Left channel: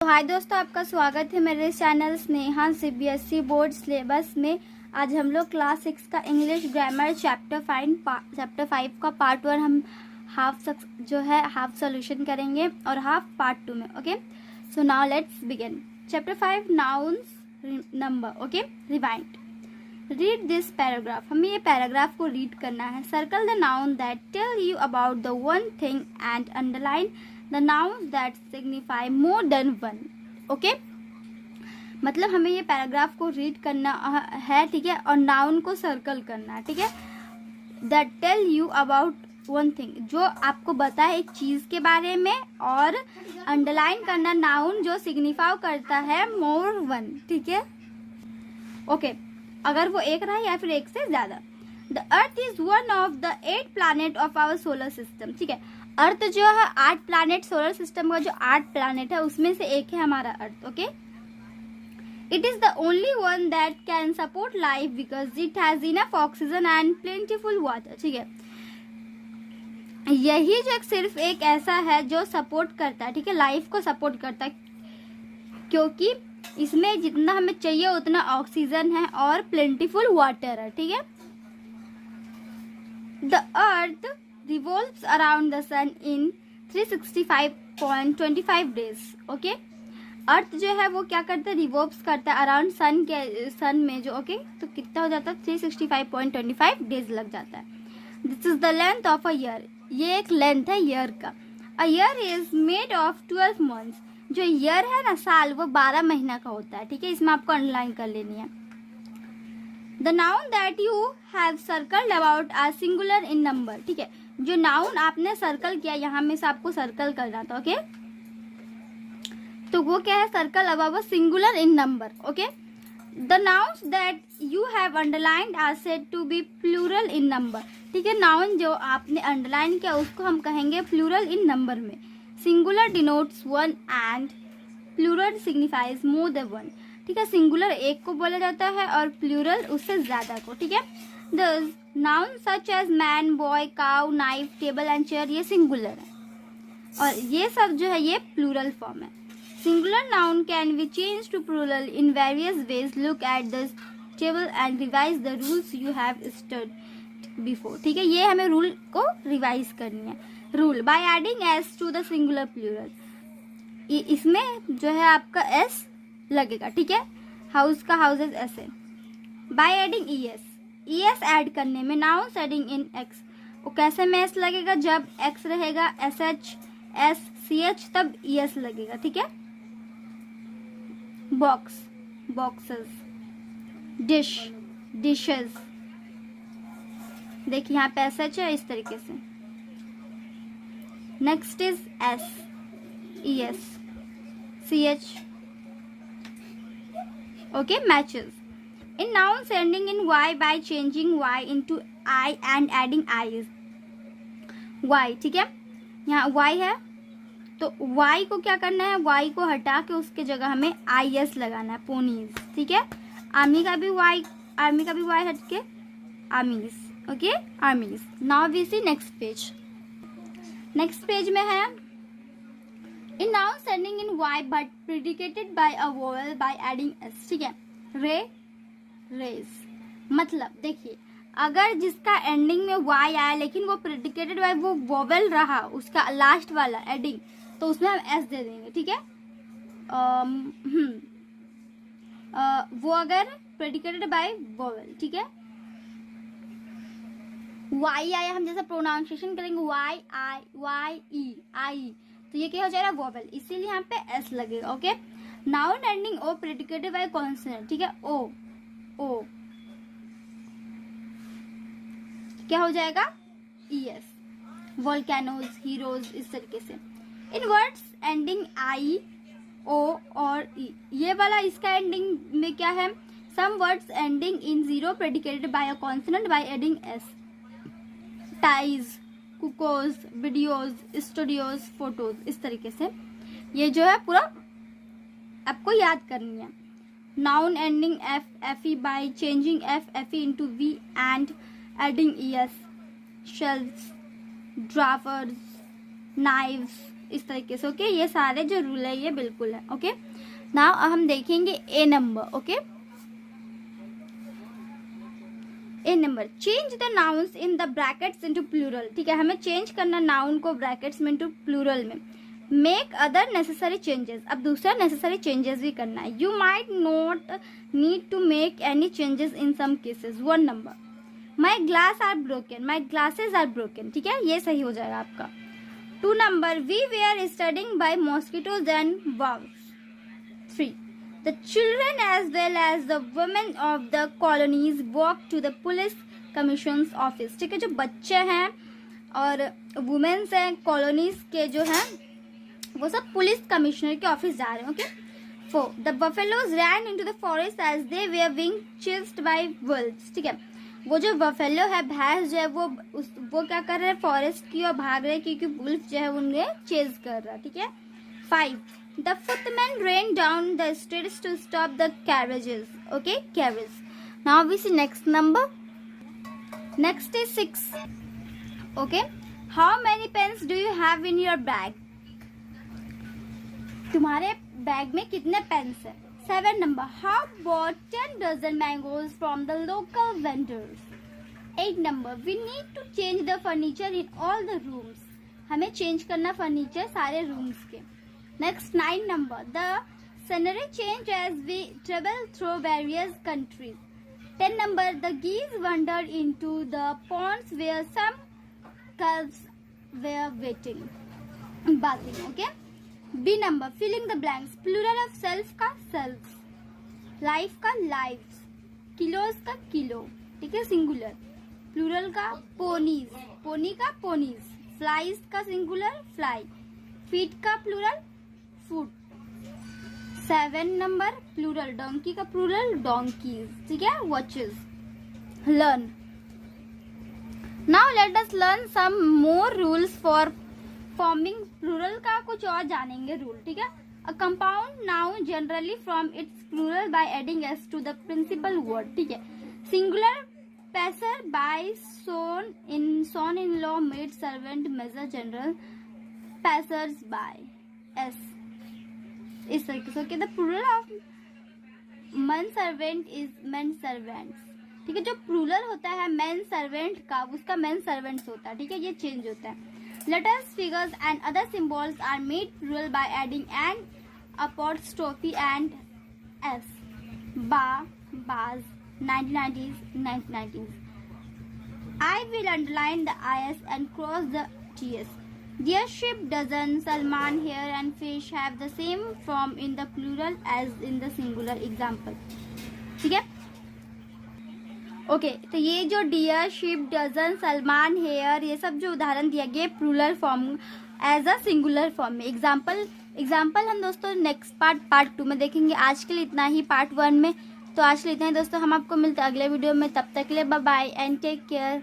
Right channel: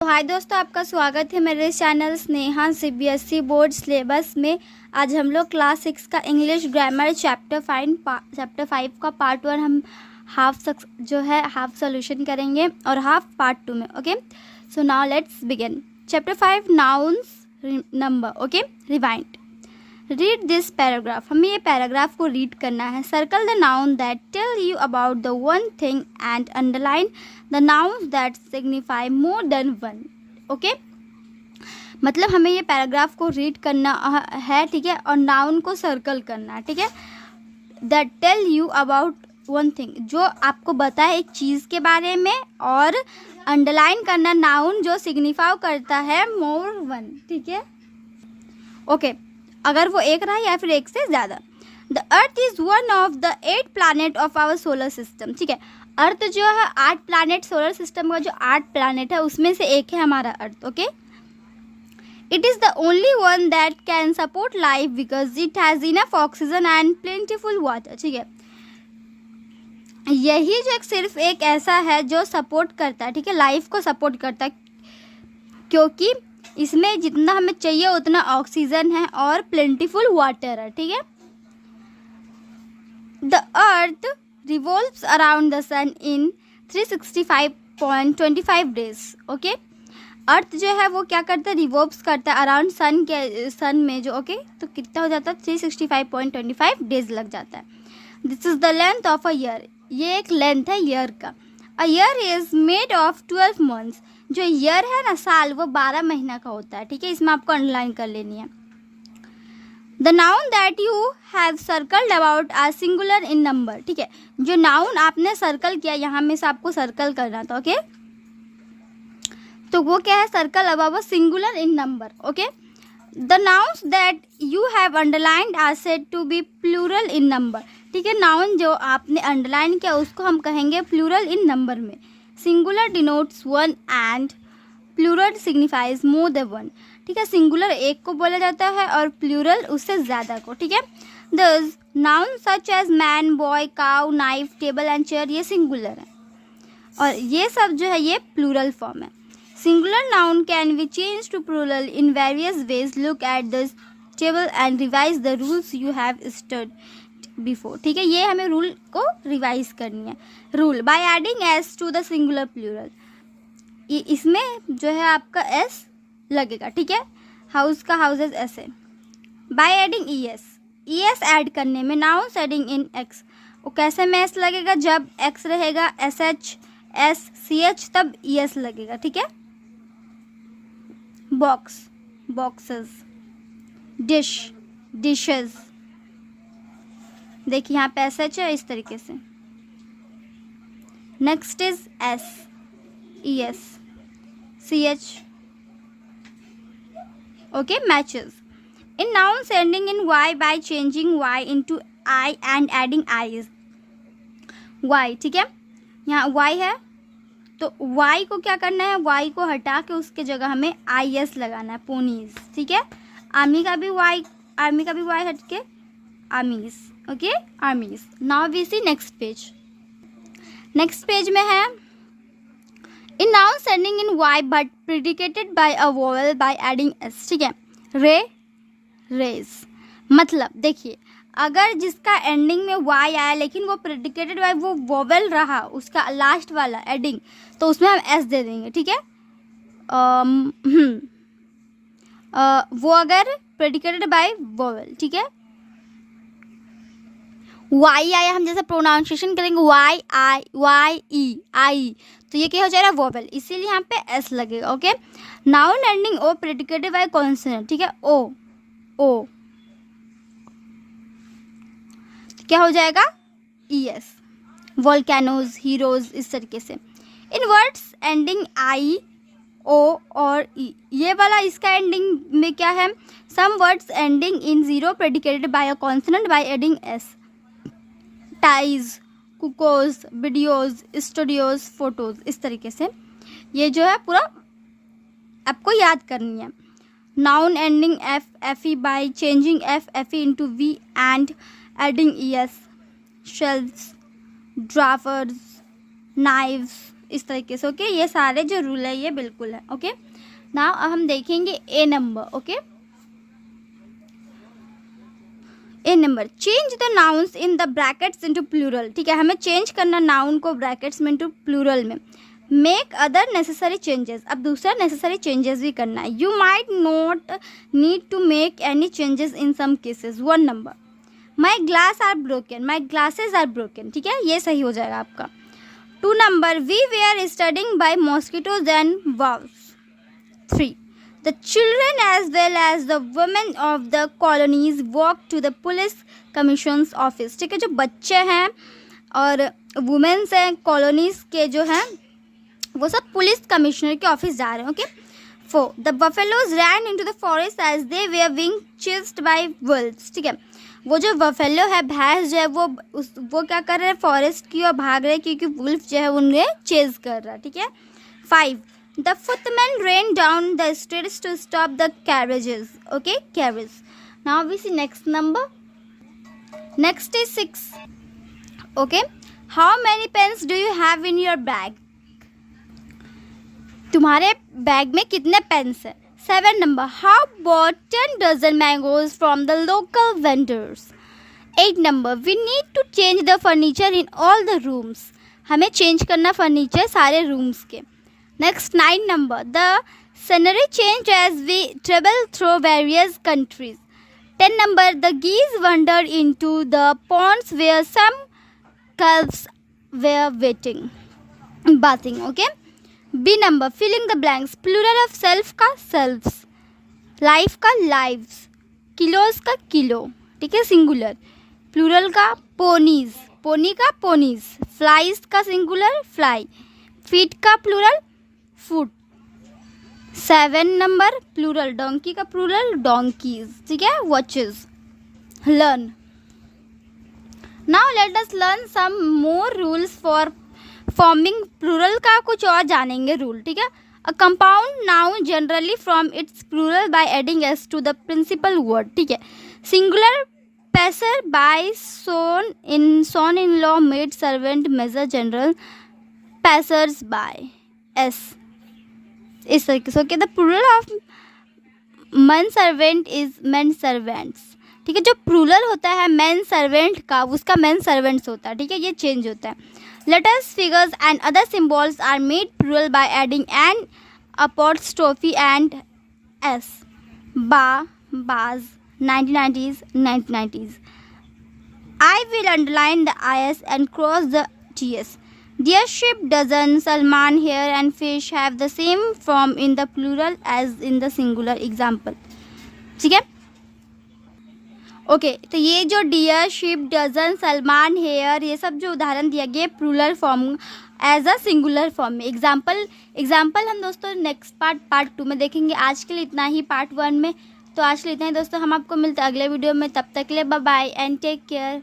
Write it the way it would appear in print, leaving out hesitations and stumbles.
तो हाय दोस्तों, आपका स्वागत है मेरे channel Sneha CBSE board syllabus में। आज हम लोग क्लास 6 का इंग्लिश ग्रामर चैप्टर 5 का पार्ट 1 हम हाफ सोल्यूशन करेंगे और हाफ पार्ट 2 में। Okay, so now let's begin. Chapter 5 nouns number. Okay, rewind. Read this paragraph. हमें ये पैराग्राफ को रीड करना है। Circle the noun that tell you about the one thing and underline the nouns that signify more than one. Okay, मतलब हमें ये paragraph को read करना है, ठीक है, और नाउन को सर्कल करना है, ठीक है। That tell you about one thing, जो आपको बताए एक चीज़ के बारे में, और अंडरलाइन करना नाउन जो सिग्निफाई करता है मोर वन, ठीक है। ओके, अगर वो एक रहा या फिर एक से ज़्यादा। The earth is one of the 8 planet of our solar system, ठीक है। अर्थ जो है 8 प्लानट, सोलर सिस्टम का जो 8 प्लानट है उसमें से एक है हमारा earth. Okay, it is the only one that can support life because it has enough oxygen and plentiful water, ठीक है। यही जो सिर्फ एक ऐसा है जो सपोर्ट करता है, ठीक है, लाइफ को सपोर्ट करता है, क्योंकि इसमें जितना हमें चाहिए उतना ऑक्सीजन है और प्लेंटीफुल वाटर है, ठीक है। The earth revolves around the sun in 365.25 days. Okay, earth जो है वो क्या करता है, रिवॉल्व्स करता है अराउंड सन में जो, ओके, तो कितना हो जाता है 365.25 डेज लग जाता है। This is the length of a year, ये एक लेंथ है ईयर का। A year is made of 12 months, जो ईयर है ना साल, वो 12 महीना का होता है, ठीक है। इसमें आपको अंडरलाइन कर लेनी है। The noun that you have circled about are singular in number, ठीक है। जो नाउन आपने सर्कल किया, यहाँ में से आपको सर्कल करना था, ओके। तो वो क्या है, circle about singular in number. Okay, the nouns that you have underlined are said to be plural in number, ठीक है। नाउन जो आपने अंडरलाइन किया उसको हम कहेंगे प्लूरल इन नंबर में। Singular denotes one and plural signifies more than one, ठीक है। सिंगुलर एक को बोला जाता है और प्लूरल उससे ज़्यादा को, ठीक है। This noun such as man, boy, cow, knife, table and chair, ये सिंगुलर है, और ये सब जो है ये प्लूरल फॉर्म है। Singular noun can be change to plural in various ways. Look at the table and revise the rules you have study before, ठीक है। ये हमें रूल को रिवाइज करनी है। Rule by adding S to the singular plural, इसमें जो है आपका एस लगेगा, ठीक है। हाउस का हाउसेज ऐसे। By adding E S add करने में, नाउन एडिंग इन एक्स, वो कैसे में एस लगेगा, जब एक्स रहेगा S H S C H, तब ई एस लगेगा, ठीक है। बॉक्स बॉक्सेस, डिश डिशेज, देखिए यहाँ पे एस एच है इस तरीके से। Next is S E S C H, okay, matches. In nouns ending in Y by changing Y into I and adding ies, Y, ठीक है। यहाँ वाई है तो वाई को क्या करना है, वाई को हटा के उसके जगह हमें आई एस लगाना है, पोनीज, ठीक है। आर्मी का भी वाई हट के armies, okay, armies. Now we see next page. Next page में है in nouns ending in Y but predicated by a vowel by adding S, ठीक है। रे, रेज, मतलब देखिए अगर जिसका एंडिंग में वाई आया लेकिन वो प्रिडिकेटेड बाय वो वोवेल रहा, उसका लास्ट वाला एडिंग, तो उसमें हम एस दे देंगे, ठीक है। वो अगर प्रिडिकेटेड बाय वोवेल, ठीक है। वाई आया, हम जैसे प्रोनाउंसिएशन करेंगे वाई आई वाई ई आई, तो ये क्या हो जाएगा, वोवेल, इसीलिए यहाँ पे एस लगेगा, ओके। नाउन एंडिंग ओ प्रिडिकेटेड बाय कॉन्सोनेंट, ठीक है। ओ ओ क्या हो जाएगा, ई एस। वोल्केनोज, हीरोज, इस तरीके से। इन वर्ड्स एंडिंग आई ओ और ई, ये वाला इसका एंडिंग में क्या है, some words ending in zero predicated by a consonant by adding S. Ties, cuckoos, videos, studios, photos, इस तरीके से ये जो है पूरा आपको याद करनी है। Noun ending F F E by changing F F E into V and adding E S. Shelves, drawers, knives, इस तरीके से। ओके, ये सारे जो रूल है ये बिल्कुल है। ओके, नाउ हम देखेंगे A number. Okay, A number, change the nouns in the brackets into plural. ठीक है, हमें चेंज करना नाउन को ब्रैकेट्स में इनटू प्लूरल में। मेक अदर नेसेसरी चेंजेस, अब दूसरा नेसेसरी चेंजेस भी करना है। You might not need to make any changes in some cases. 1 number, my glass are broken, my glasses are broken. ठीक है, ये सही हो जाएगा आपका। 2 number, we were studying by mosquitoes and waves. 3, the children as well as the women of the colonies walk to the police commission's office। ठीक है, जो बच्चे हैं और वुमेन्स हैं कॉलोनीज के जो हैं वो सब पुलिस कमिश्नर के ऑफिस जा रहे हैं। Okay, 4, the buffaloes ran into the forest as they were being chased by wolves। ठीक है, वो जो बफेलो है, भैंस जो है वो क्या कर रहे हैं, फॉरेस्ट की ओर भाग रहे हैं क्योंकि वुल्फ जो है उन्हें चेज कर रहा है। ठीक है। 5, the footman ran down the stairs to stop the carriages। Okay, carriage. Now we see next number. Next is 6. Okay, how many pens do you have in your bag? तुम्हारे bag में कितने pens हैं? 7 number, how bought 10 dozen mangoes from the local vendors? 8 number, we need to change the furniture in all the rooms। हमें change करना furniture सारे rooms के। Next 9 number, the scenery changed as we traveled through various countries। 10 number, the geese wandered into the ponds where some calves were bathing। Okay, B number, filling the blanks, plural of self का selves, life का lives, kilos का kilo। ठीक है, singular. Plural का ponies, pony का ponies, flies का singular fly, feet का plural foot। 7 number, plural donkey का प्लूरल donkeys। ठीक है, watches। learn, now let us learn some more rules for forming plural का कुछ और जानेंगे रूल। ठीक है, a compound noun generally from its plural by adding S to the principal word. ठीक है, singular passer by son in law maid servant major general passers by S. इस तरीके से। Okay, the plural of man servant is man servants. ठीक है, जो plural होता है मैन सर्वेंट का उसका मैन सर्वेंट्स होता है। ठीक है, ये चेंज होता है। Letters, figures and other symbols are made plural by adding an apostrophe and s। bars, 1990s, 1990s। I will underline the is and cross the ts। Deer, sheep, dozen, Salman, hare and fish have the same form in the plural as in the singular। Example। ठीक है, okay, तो ये जो deer, sheep, dozen, salmon, hair, ये सब जो उदाहरण दिया गया plural form as a singular form में। एग्जाम्पल हम दोस्तों नेक्स्ट पार्ट 2 में देखेंगे। आज के लिए इतना ही पार्ट 1 में। तो आज के लिए इतना ही दोस्तों, हम आपको मिलते हैं अगले वीडियो में। तब तक के लिए bye bye and take care.